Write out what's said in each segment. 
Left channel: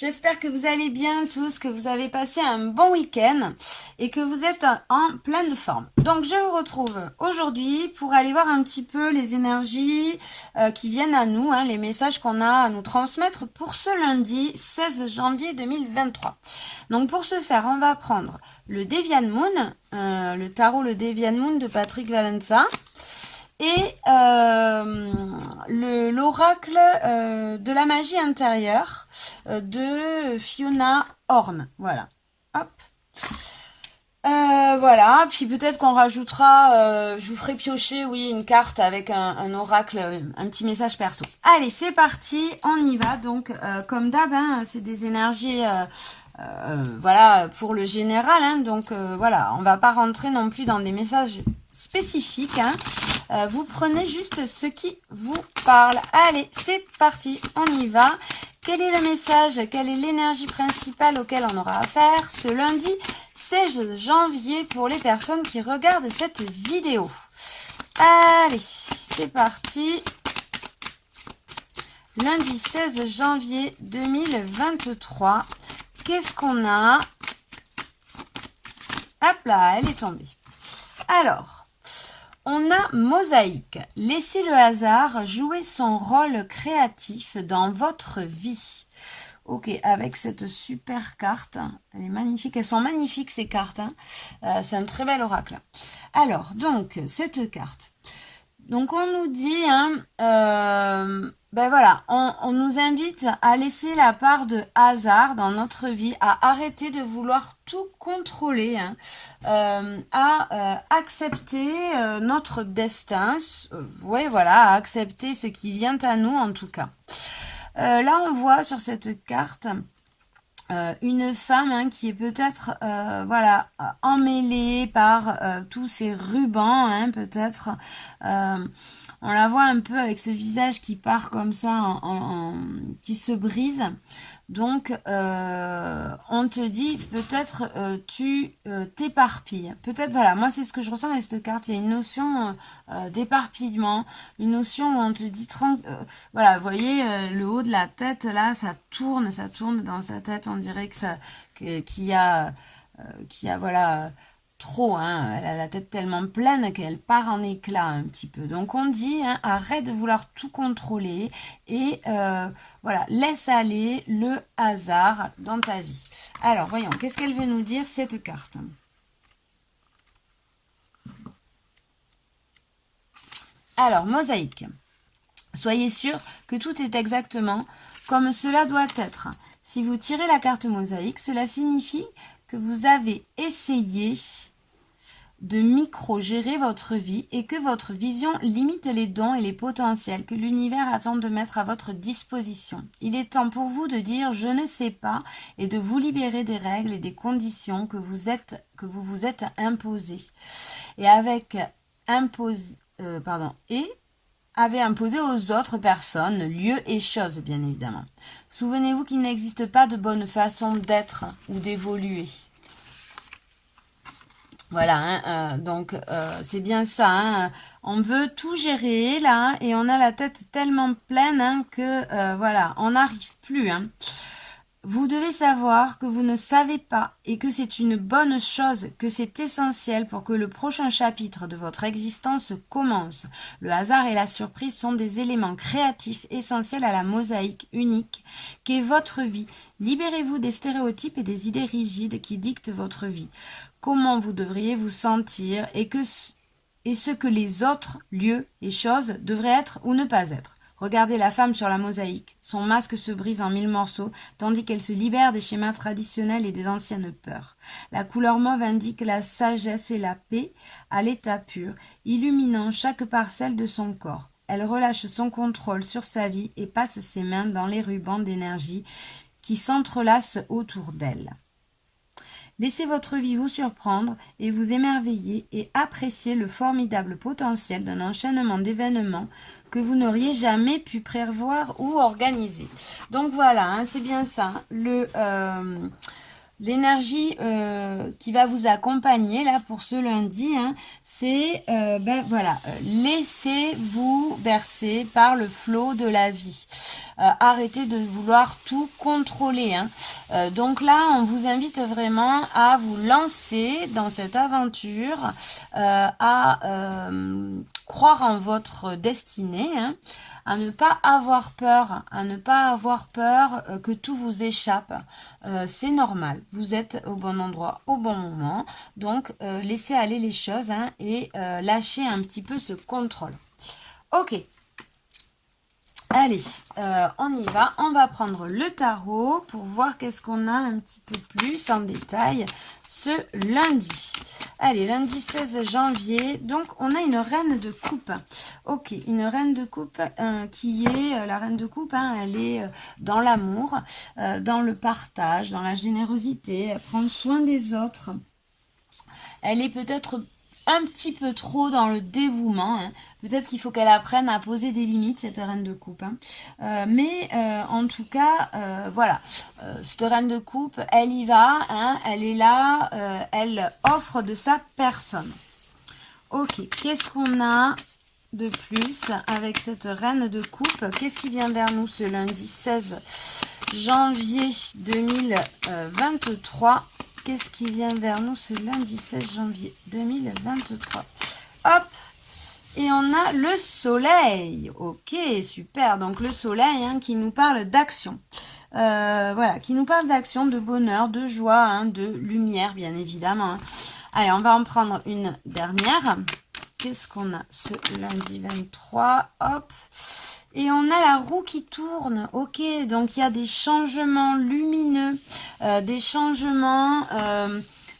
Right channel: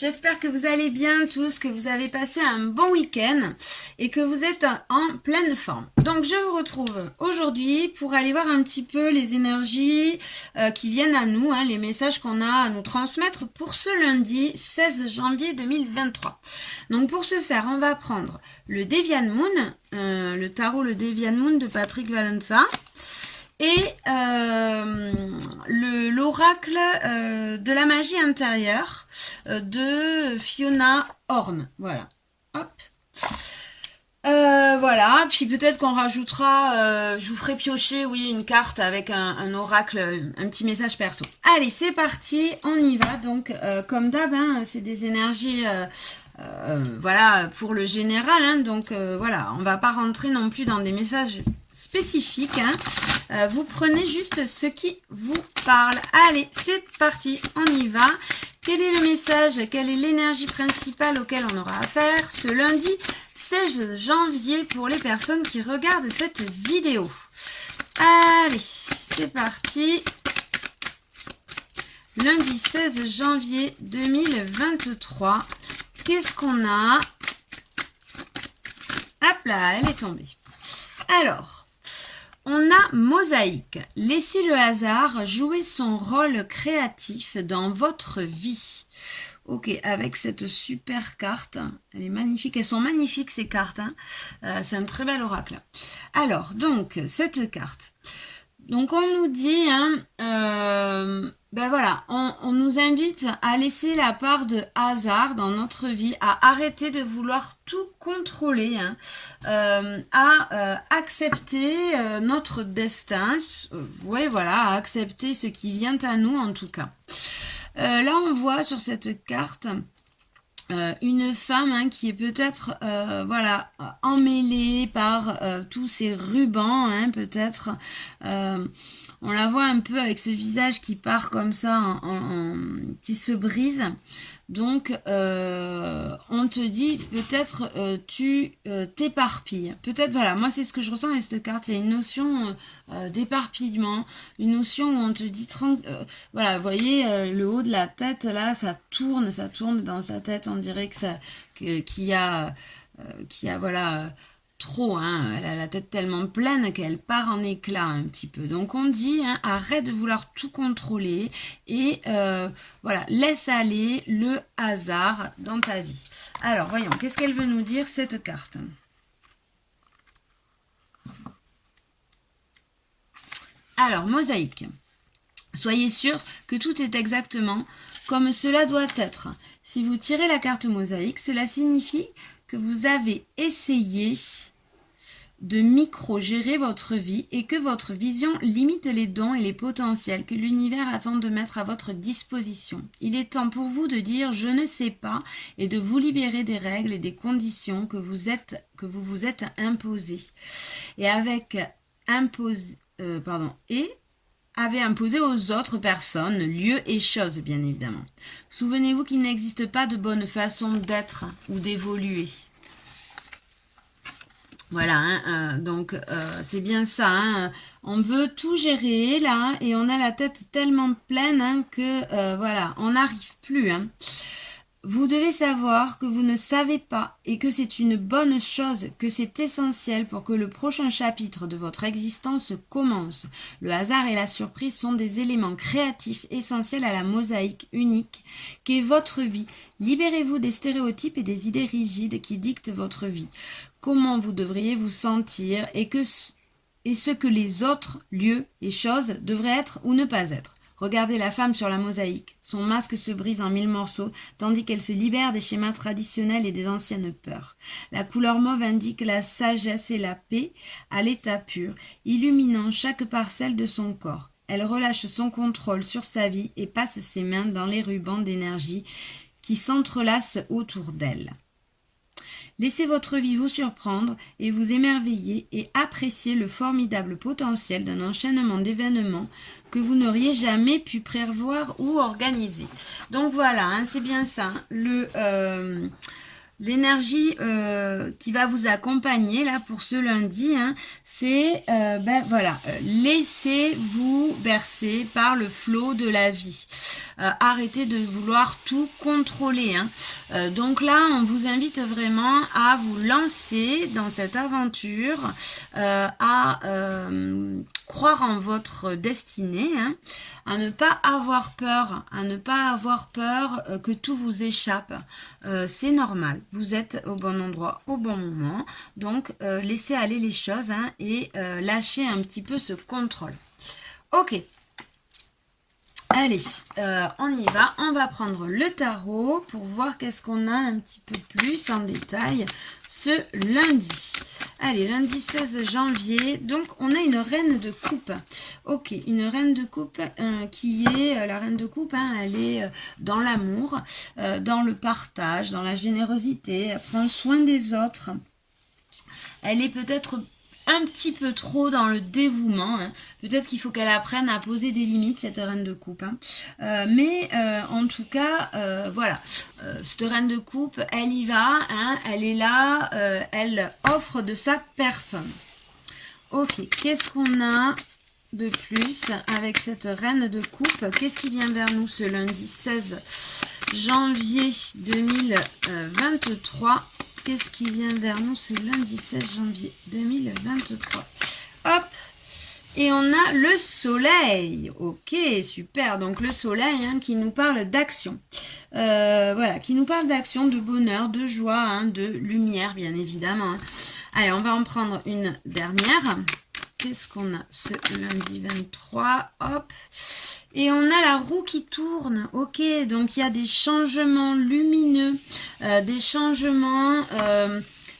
J'espère que vous allez bien tous, que vous avez passé un bon week-end et que vous êtes en pleine forme. Donc je vous retrouve aujourd'hui pour aller voir un petit peu les énergies qui viennent à nous, les messages qu'on a à nous transmettre pour ce lundi 16 janvier 2023. Donc pour ce faire, on va prendre le Deviant Moon, le tarot le Deviant Moon de Patrick Valencia. Et l'oracle de la magie intérieure de Fiona Horn. Voilà. Hop. Voilà. Puis peut-être qu'on rajoutera, je vous ferai piocher, oui, une carte avec un oracle, un petit message perso. Allez, c'est parti. On y va. Donc, comme d'hab, c'est des énergies... voilà, pour le général, donc voilà, on va pas rentrer non plus dans des messages spécifiques, vous prenez juste ce qui vous parle. Allez, c'est parti, on y va. Quel est le message, quelle est l'énergie principale auquel on aura affaire ce lundi 16 janvier pour les personnes qui regardent cette vidéo? Allez, c'est parti. Lundi 16 janvier 2023. Qu'est-ce qu'on a? Hop là, elle est tombée. Alors, on a Mosaïque. Laissez le hasard jouer son rôle créatif dans votre vie. Ok, avec cette super carte. Elle est magnifique. Elles sont magnifiques ces cartes. C'est un très bel oracle. Alors, donc, cette carte. Donc, on nous dit... ben voilà, on nous invite à laisser la part de hasard dans notre vie, à arrêter de vouloir tout contrôler, à accepter notre destin, ouais, voilà, à accepter ce qui vient à nous en tout cas. Là, on voit sur cette carte une femme qui est peut-être voilà, emmêlée par tous ces rubans, peut-être on la voit un peu avec ce visage qui part comme ça qui se brise. Donc on te dit peut-être tu t'éparpilles, peut-être, voilà, moi c'est ce que je ressens avec cette carte. Il y a une notion d'éparpillement, une notion où on te dit voilà, vous voyez le haut de la tête là, ça tourne dans sa tête, on dirait que ça qu'il y a voilà trop, elle a la tête tellement pleine qu'elle part en éclats un petit peu. Donc on dit, arrête de vouloir tout contrôler et voilà, laisse aller le hasard dans ta vie. Alors voyons, qu'est-ce qu'elle veut nous dire cette carte? Alors, Mosaïque. Soyez sûr que tout est exactement comme cela doit être. Si vous tirez la carte Mosaïque, cela signifie que vous avez essayé de micro-gérer votre vie et que votre vision limite les dons et les potentiels que l'univers attend de mettre à votre disposition. Il est temps pour vous de dire « je ne sais pas » et de vous libérer des règles et des conditions que vous vous êtes imposées. Et avez imposé aux autres personnes, lieux et choses, bien évidemment. Souvenez-vous qu'il n'existe pas de bonne façon d'être ou d'évoluer. Voilà, donc c'est bien ça, on veut tout gérer là et on a la tête tellement pleine que voilà, on n'arrive plus. Vous devez savoir que vous ne savez pas et que c'est une bonne chose, que c'est essentiel pour que le prochain chapitre de votre existence commence. Le hasard et la surprise sont des éléments créatifs essentiels à la mosaïque unique qu'est votre vie. Libérez-vous des stéréotypes et des idées rigides qui dictent votre vie. Comment vous devriez vous sentir et ce que les autres lieux et choses devraient être ou ne pas être. Regardez la femme sur la mosaïque. Son masque se brise en 1000 morceaux, tandis qu'elle se libère des schémas traditionnels et des anciennes peurs. La couleur mauve indique la sagesse et la paix à l'état pur, illuminant chaque parcelle de son corps. Elle relâche son contrôle sur sa vie et passe ses mains dans les rubans d'énergie qui s'entrelacent autour d'elle. Laissez votre vie vous surprendre et vous émerveiller et appréciez le formidable potentiel d'un enchaînement d'événements que vous n'auriez jamais pu prévoir ou organiser. Donc voilà, c'est bien ça. l'énergie qui va vous accompagner là pour ce lundi, hein, c'est voilà, laissez-vous bercer par le flot de la vie. Arrêtez de vouloir tout contrôler, hein. Donc là, on vous invite vraiment à vous lancer dans cette aventure, à croire en votre destinée, hein, à ne pas avoir peur, que tout vous échappe. C'est normal, vous êtes au bon endroit au bon moment, donc laissez aller les choses, hein, et lâchez un petit peu ce contrôle. Ok. Allez, on y va. On va prendre le tarot pour voir qu'est-ce qu'on a un petit peu plus en détail ce lundi. Allez, lundi 16 janvier. Donc, on a une reine de coupe. Ok, une reine de coupe qui est... la reine de coupe, hein, elle est dans l'amour, dans le partage, dans la générosité. Elle prend soin des autres. Elle est peut-être un petit peu trop dans le dévouement, hein. Peut-être qu'il faut qu'elle apprenne à poser des limites, cette reine de coupe, hein. Mais en tout cas, voilà, cette reine de coupe, elle y va, hein, elle est là, elle offre de sa personne. Ok, qu'est-ce qu'on a de plus avec cette reine de coupe? Qu'est-ce qui vient vers nous ce lundi 16 janvier 2023? Qu'est-ce qui vient vers nous ce lundi 16 janvier 2023? Hop! Et on a le soleil. Ok, super. Donc le soleil, hein, qui nous parle d'action. Voilà, qui nous parle d'action, de bonheur, de joie, hein, de lumière, bien évidemment, hein. Allez, on va en prendre une dernière. Qu'est-ce qu'on a ce lundi 23? Hop! Et on a la roue qui tourne. Ok, donc il y a des changements lumineux, des changements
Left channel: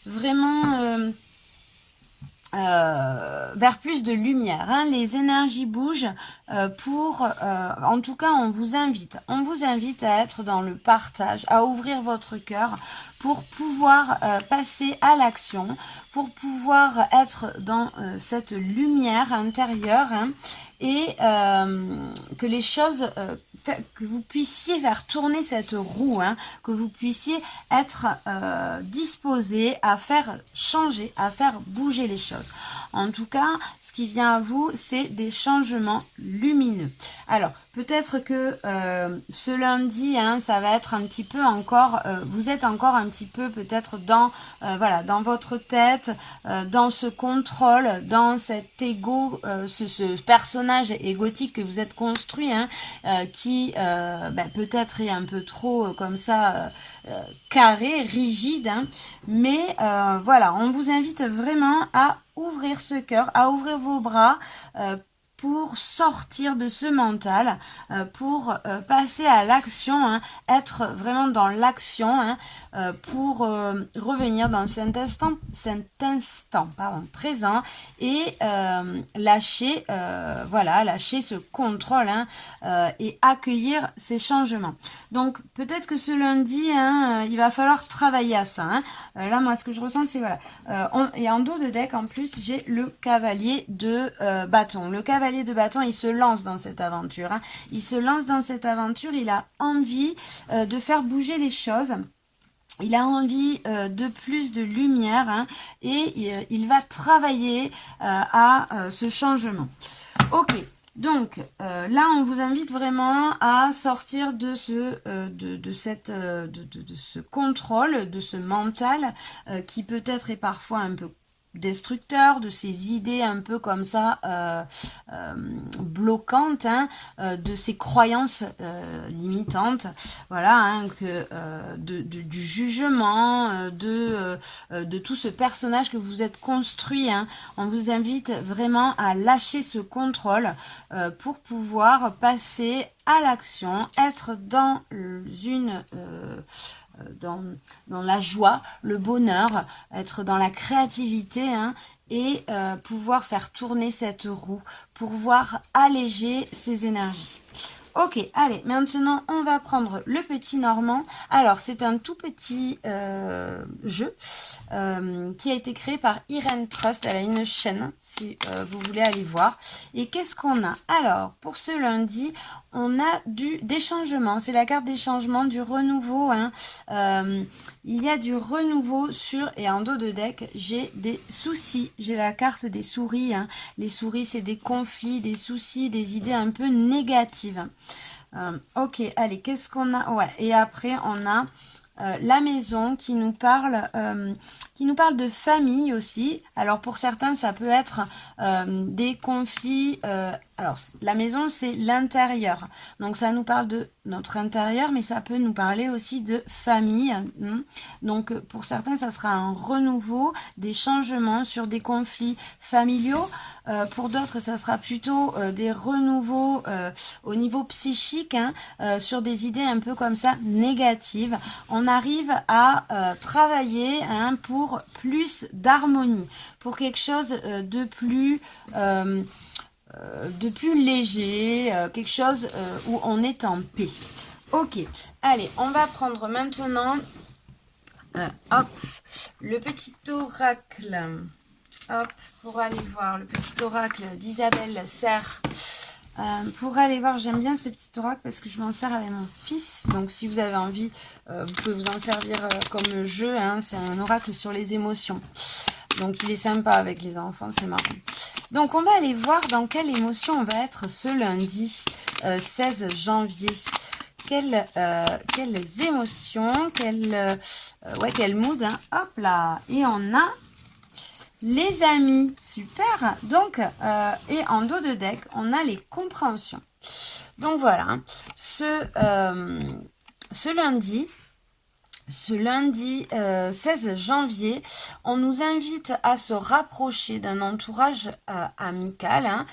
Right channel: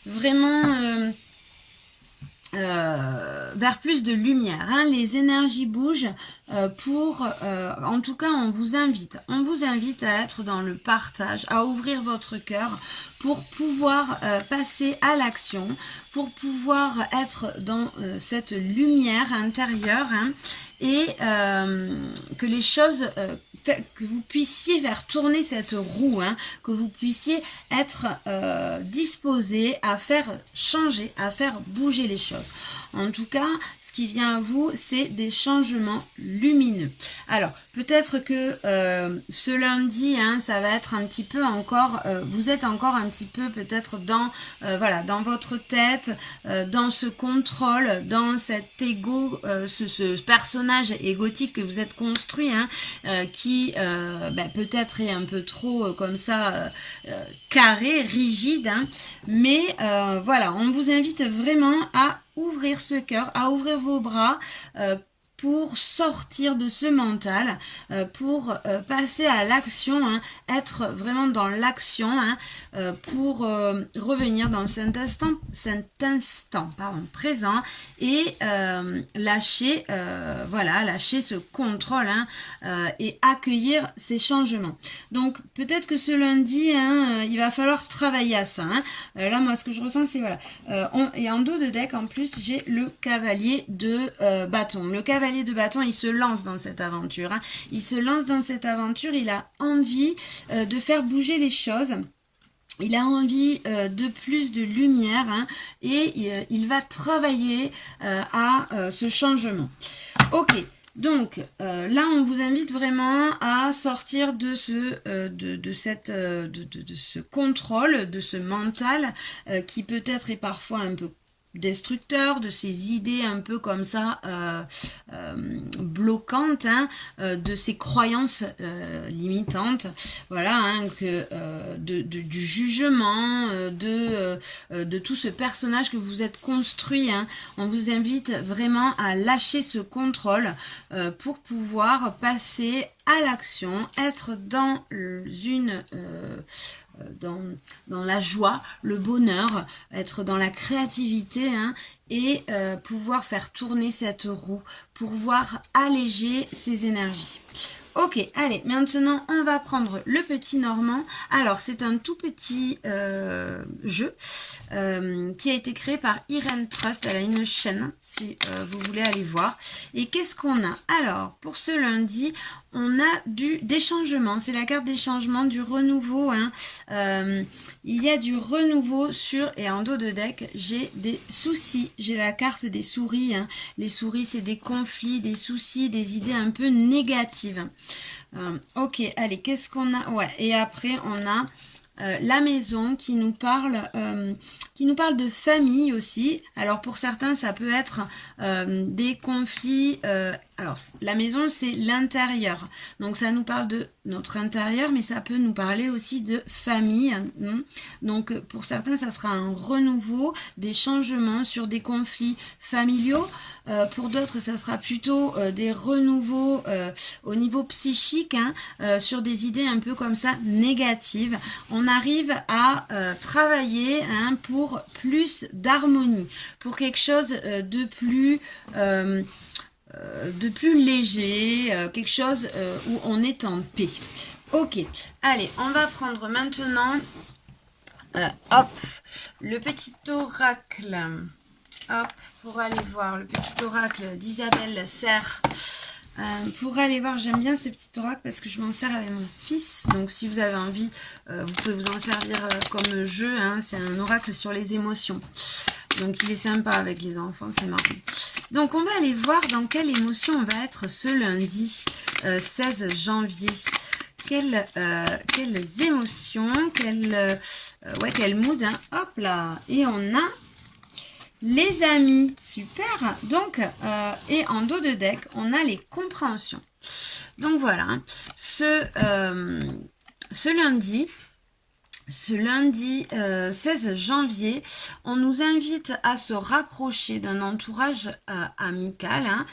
vraiment vers plus de lumière, hein. Les énergies bougent en tout cas on vous invite à être dans le partage, à ouvrir votre cœur pour pouvoir passer à l'action, pour pouvoir être dans cette lumière intérieure, hein, et que les choses, que vous puissiez faire tourner cette roue, hein, que vous puissiez être disposé à faire changer, à faire bouger les choses. En tout cas, ce qui vient à vous, c'est des changements lumineux. Alors, peut-être que ce lundi, hein, ça va être un petit peu encore, vous êtes encore un petit peu peut-être dans, voilà, dans votre tête, dans ce contrôle, dans cet ego, ce personnage égotique que vous êtes construit, hein, qui peut-être est un peu trop comme ça, carré, rigide, hein, mais voilà, on vous invite vraiment à ouvrir ce cœur, à ouvrir vos bras, pour sortir de ce mental, pour passer à l'action, hein, être vraiment dans l'action, hein, pour revenir dans cet instant présent et lâcher, voilà, lâcher ce contrôle, hein, et accueillir ces changements. Donc peut-être que ce lundi, hein, il va falloir travailler à ça, hein. Là, moi, ce que je ressens, c'est voilà, et en dos de deck, en plus, j'ai le cavalier de bâton. Le cavalier de bâton, il se lance dans cette aventure, hein. Il se lance dans cette aventure, il a envie de faire bouger les choses. Il a envie de plus de lumière, hein, et il va travailler à ce changement. Ok, donc là on vous invite vraiment à sortir de ce contrôle, de ce mental qui peut-être est parfois un peu destructeur, de ces idées un peu comme ça bloquantes, hein, de ces croyances limitantes, voilà, hein, du jugement, de tout ce personnage que vous êtes construit, hein. On vous invite vraiment à lâcher ce contrôle pour pouvoir passer à l'action, être dans dans la joie, le bonheur, être dans la créativité, hein, et pouvoir faire tourner cette roue, pouvoir alléger ces énergies. Ok, allez, maintenant on va prendre le petit Normand. Alors c'est un tout petit jeu qui a été créé par Irene Trust. Elle a une chaîne si vous voulez aller voir. Et qu'est-ce qu'on a? Alors pour ce lundi, on a des changements. C'est la carte des changements, du renouveau. Hein. Il y a du renouveau sur, et en dos de deck, j'ai des soucis. J'ai la carte des souris. Hein. Les souris, c'est des conflits, des soucis, des idées un peu négatives. Ok, allez, qu'est-ce qu'on a? Ouais, et après, on a la maison qui nous parle de famille aussi. Alors, pour certains, ça peut être des conflits. Alors, la maison, c'est l'intérieur. Donc, ça nous parle de notre intérieur, mais ça peut nous parler aussi de famille. Donc, pour certains, ça sera un renouveau, des changements sur des conflits familiaux. Pour d'autres, ça sera plutôt des renouveaux au niveau psychique, hein, sur des idées un peu comme ça négatives. On arrive à travailler, hein, pour plus d'harmonie, pour quelque chose de plus léger, quelque chose où on est en paix. Ok, allez, on va prendre maintenant hop, le petit oracle. Hop, pour aller voir le petit oracle d'Isabelle Serre. Pour aller voir, j'aime bien ce petit oracle parce que je m'en sers avec mon fils. Donc si vous avez envie, vous pouvez vous en servir comme jeu. Hein. C'est un oracle sur les émotions. Donc il est sympa avec les enfants, c'est marrant. Donc on va aller voir dans quelle émotion on va être ce lundi 16 janvier. Quelles émotions, quel mood. Hein. Hop là, et on a les amis, super. Donc, et en dos de deck, on a les compréhensions. Donc voilà, hein. Ce lundi 16 janvier, on nous invite à se rapprocher d'un entourage amical, hein,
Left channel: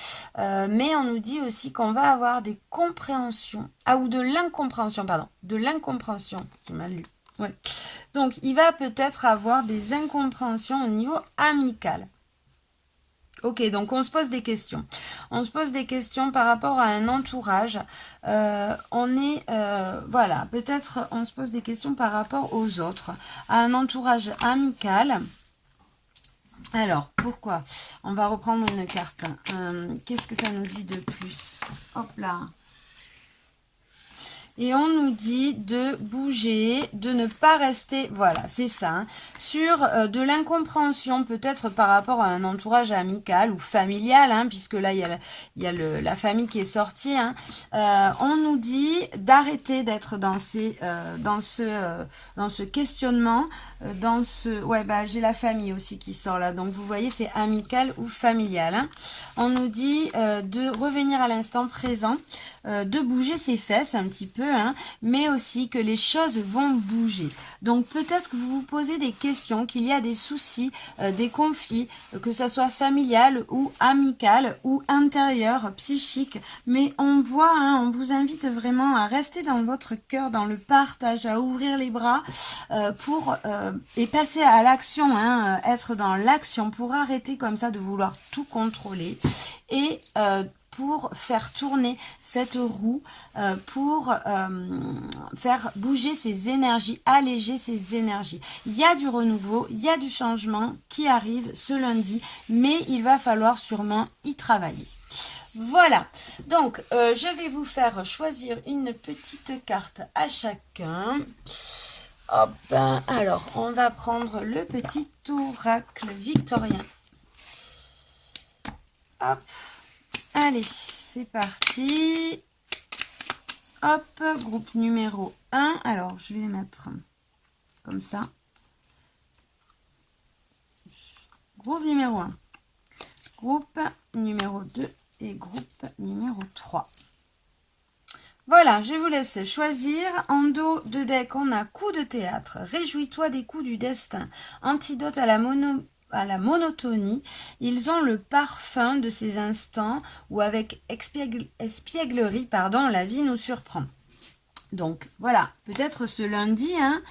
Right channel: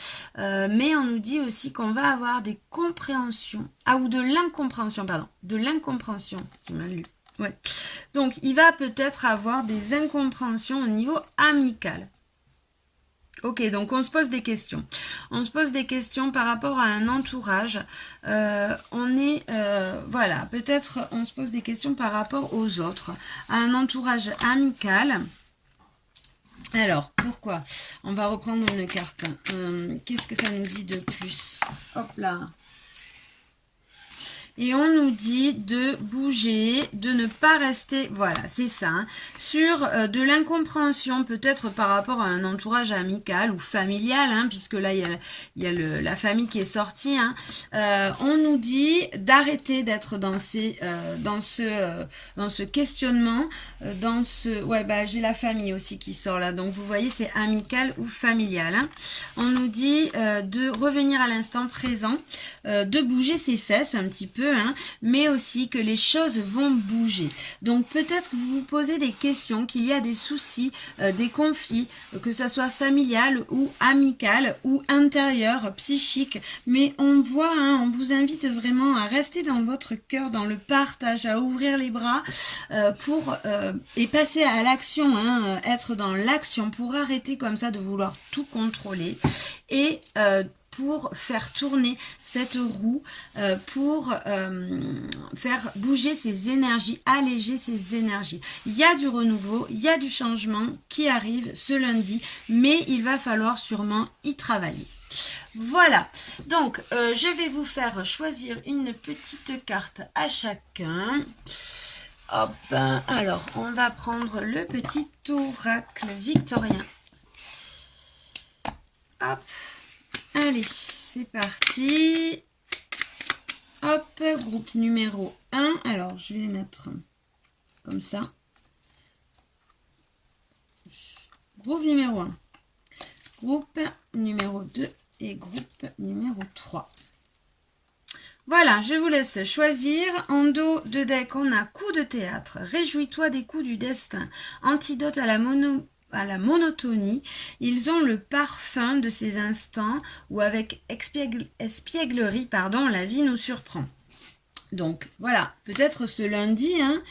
mais on nous dit aussi qu'on va avoir des compréhensions, ou de l'incompréhension, pardon, de l'incompréhension, j'ai mal lu. Ouais. Donc, il va peut-être avoir des incompréhensions au niveau amical. Ok, donc on se pose des questions. On se pose des questions par rapport à un entourage. Voilà, peut-être on se pose des questions par rapport aux autres. À un entourage amical. Alors, pourquoi? On va reprendre une carte. Qu'est-ce que ça nous dit de plus? Hop là. Et on nous dit de bouger, de ne pas rester, voilà, c'est ça, hein, sur de l'incompréhension peut-être par rapport à un entourage amical ou familial, hein, puisque là, il y a la famille qui est sortie. Hein. On nous dit d'arrêter d'être dans ce questionnement, j'ai la famille aussi qui sort là, donc vous voyez, c'est amical ou familial. Hein. On nous dit de revenir à l'instant présent, de bouger ses fesses un petit peu, hein, mais aussi que les choses vont bouger. Donc peut-être que vous vous posez des questions, qu'il y a des soucis, des conflits, que ça soit familial ou amical ou intérieur, psychique, mais on voit, hein, on vous invite vraiment à rester dans votre cœur, dans le partage, à ouvrir les bras et passer à l'action, hein, être dans l'action pour arrêter comme ça de vouloir tout contrôler et pour faire tourner cette roue, pour faire bouger ces énergies, alléger ces énergies. Il y a du renouveau, il y a du changement qui arrive ce lundi, mais il va falloir sûrement y travailler. Voilà, donc je vais vous faire choisir une petite carte à chacun. Hop, alors on va prendre le petit oracle victorien. Hop. Allez, c'est parti. Hop, groupe numéro 1. Alors, je vais les mettre comme ça. Groupe numéro 1. Groupe numéro 2 et groupe numéro 3. Voilà, je vous laisse choisir. En dos de deck, on a coup de théâtre. Réjouis-toi des coups du destin. Antidote à la monotonie, ils ont le parfum de ces instants où avec espièglerie, la vie nous surprend. Donc voilà, peut-être ce lundi, hein,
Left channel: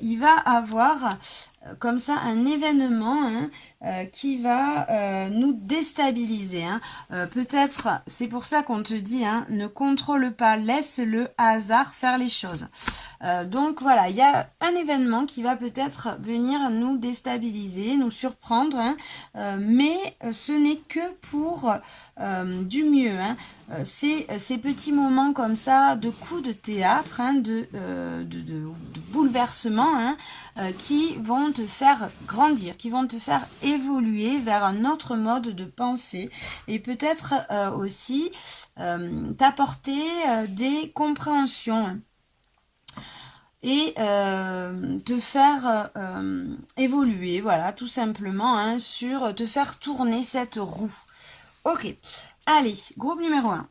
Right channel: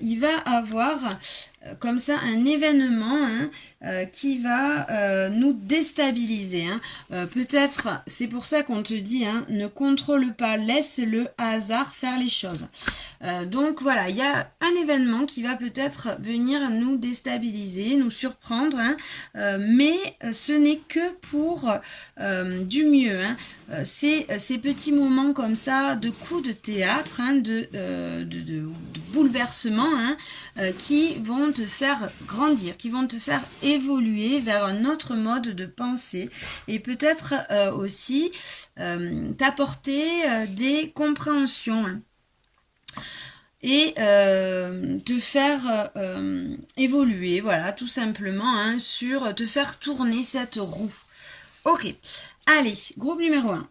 il va avoir comme ça un événement hein, qui va nous déstabiliser. Hein. Peut-être, c'est pour ça qu'on te dit, hein, ne contrôle pas, laisse le hasard faire les choses. Donc voilà, il y a un événement qui va peut-être venir nous déstabiliser, nous surprendre, hein, mais ce n'est que pour du mieux. Hein. Ces petits moments comme ça de coups de théâtre, hein, de bouleversement, hein, qui vont te faire grandir, qui vont te faire évoluer vers un autre mode de pensée et peut-être aussi t'apporter des compréhensions. Hein, et te faire évoluer, voilà, tout simplement, hein, sur te faire tourner cette roue. Ok, allez, groupe numéro 1.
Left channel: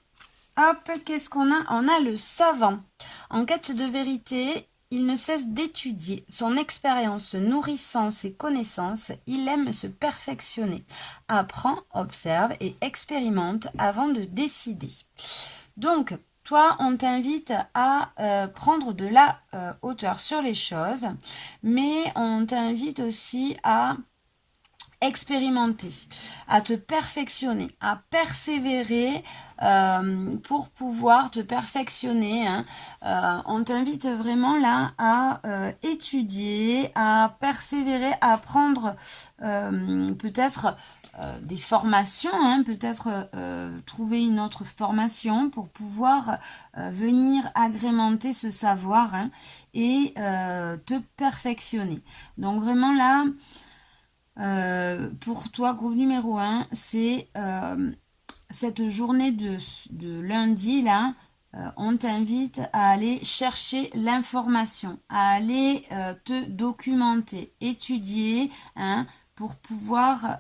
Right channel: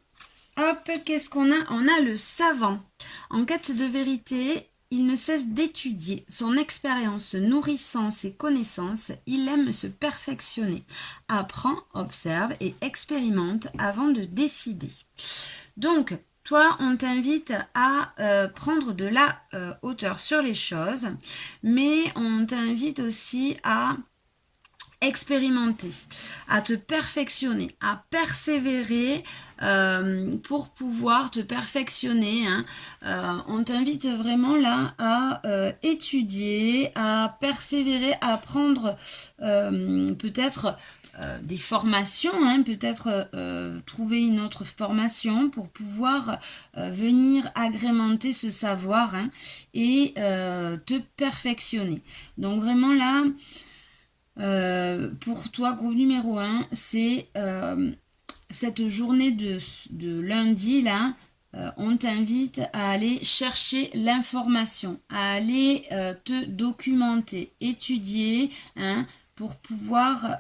Hop, qu'est-ce qu'on a? On a le savant. En quête de vérité, il ne cesse d'étudier. Son expérience nourrissant ses connaissances, il aime se perfectionner. Apprend, observe et expérimente avant de décider. Donc, toi, on t'invite à prendre de la hauteur sur les choses, mais on t'invite aussi à expérimenter, à te perfectionner, à persévérer pour pouvoir te perfectionner. Hein. On t'invite vraiment là à étudier, à persévérer, à prendre peut-être des formations, hein, peut-être trouver une autre formation pour pouvoir venir agrémenter ce savoir hein, et te perfectionner. Donc vraiment là, pour toi, groupe numéro 1, c'est cette journée de lundi là, on t'invite à aller chercher l'information, à aller te documenter, étudier, hein, pour pouvoir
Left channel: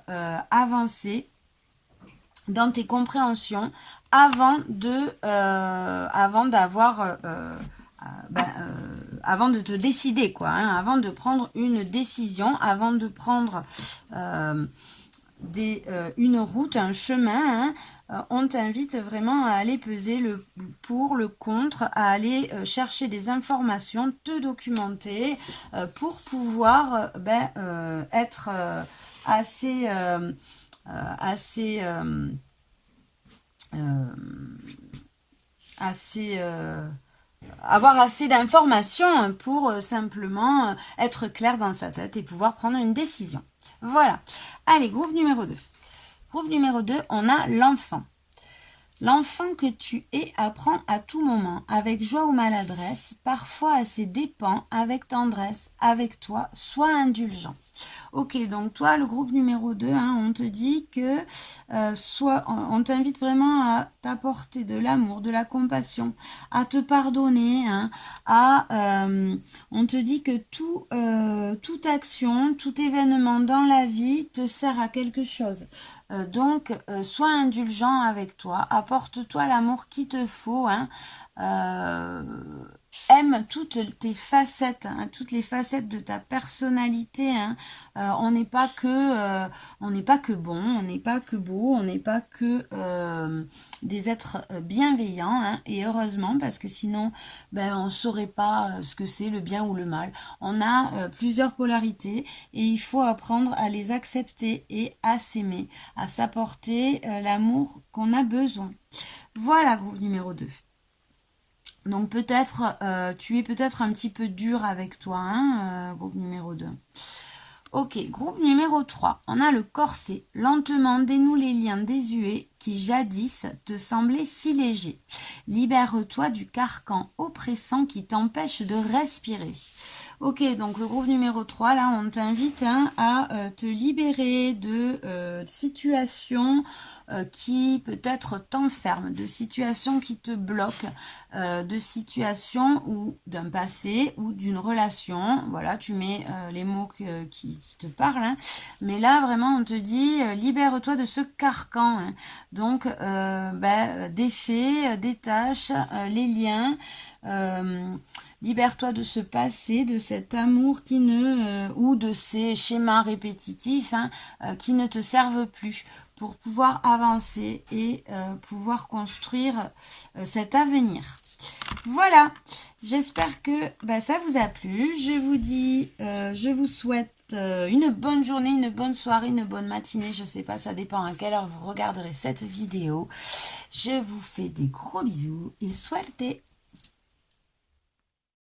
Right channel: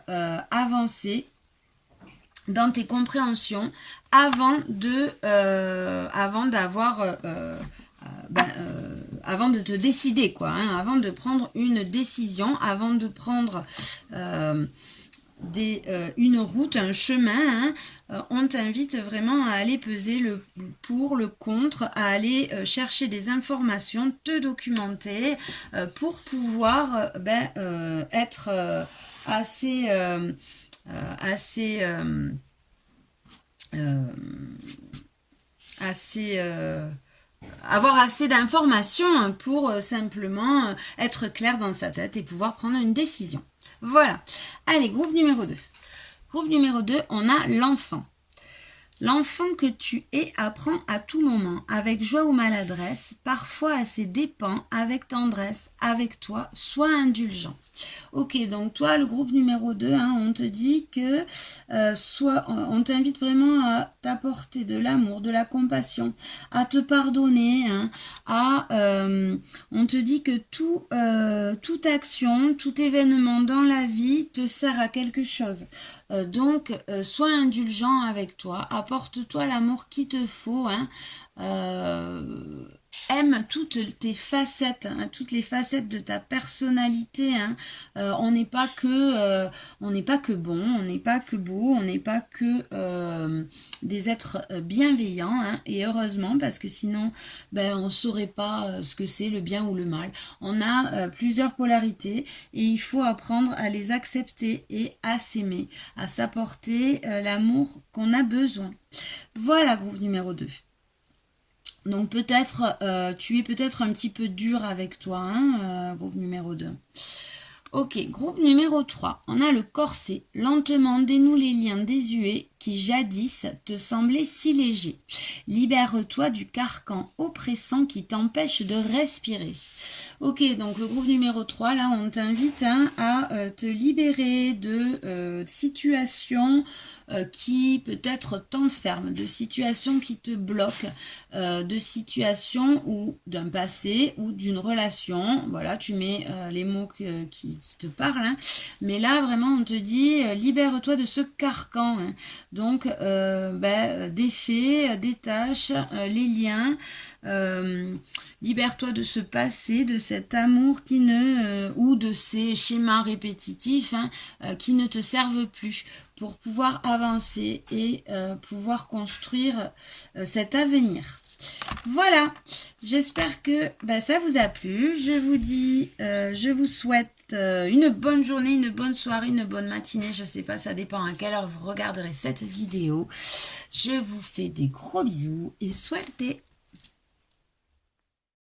avancer dans tes compréhensions avant de te décider, quoi, hein, avant de prendre une décision, avant de prendre une route, un chemin, hein, on t'invite vraiment à aller peser le pour, le contre, à aller chercher des informations, te documenter pour pouvoir être avoir assez d'informations pour simplement être clair dans sa tête et pouvoir prendre une décision. Voilà. Allez, groupe numéro 2. Groupe numéro 2, on a l'enfant. L'enfant que tu es apprend à tout moment, avec joie ou maladresse, parfois à ses dépens, avec tendresse, avec toi, sois indulgent. Ok, donc toi, le groupe numéro 2, hein, on te dit que on t'invite vraiment à t'apporter de l'amour, de la compassion, à te pardonner, hein, on te dit que toute action, tout événement dans la vie te sert à quelque chose. Donc, sois indulgent avec toi, apporte-toi l'amour qu'il te faut, hein, aime toutes tes facettes, hein, toutes les facettes de ta personnalité. Hein. On n'est pas que bon, on n'est pas que beau, on n'est pas que des êtres bienveillants. Hein, et heureusement, parce que sinon, on saurait pas ce que c'est le bien ou le mal. On a plusieurs polarités et il faut apprendre à les accepter et à s'aimer, à s'apporter l'amour qu'on a besoin. Voilà, groupe numéro 2. Donc peut-être, tu es peut-être un petit peu dur avec toi, hein, groupe numéro 2. Ok, groupe numéro 3. On a le corset. Lentement dénoue les liens désuets qui jadis te semblaient si légers. Libère-toi du carcan oppressant qui t'empêche de respirer. Ok, donc le groupe numéro 3, là, on t'invite à te libérer de situations qui peut-être t'enferment, de situations qui te bloquent, de situations ou d'un passé ou d'une relation. Voilà, tu mets les mots qui te parlent. Hein. Mais là, vraiment, on te dit, libère-toi de ce carcan. Hein. Donc, défais, détache les liens. Libère-toi de ce passé, de cet amour ou de ces schémas répétitifs qui ne te servent plus pour pouvoir avancer et pouvoir construire cet avenir. Voilà, j'espère que ça vous a plu. Je vous dis, je vous souhaite souhaite une bonne journée, une bonne soirée, une bonne matinée. Je sais pas, ça dépend à quelle heure vous regarderez cette vidéo. Je vous fais des gros bisous et suerte!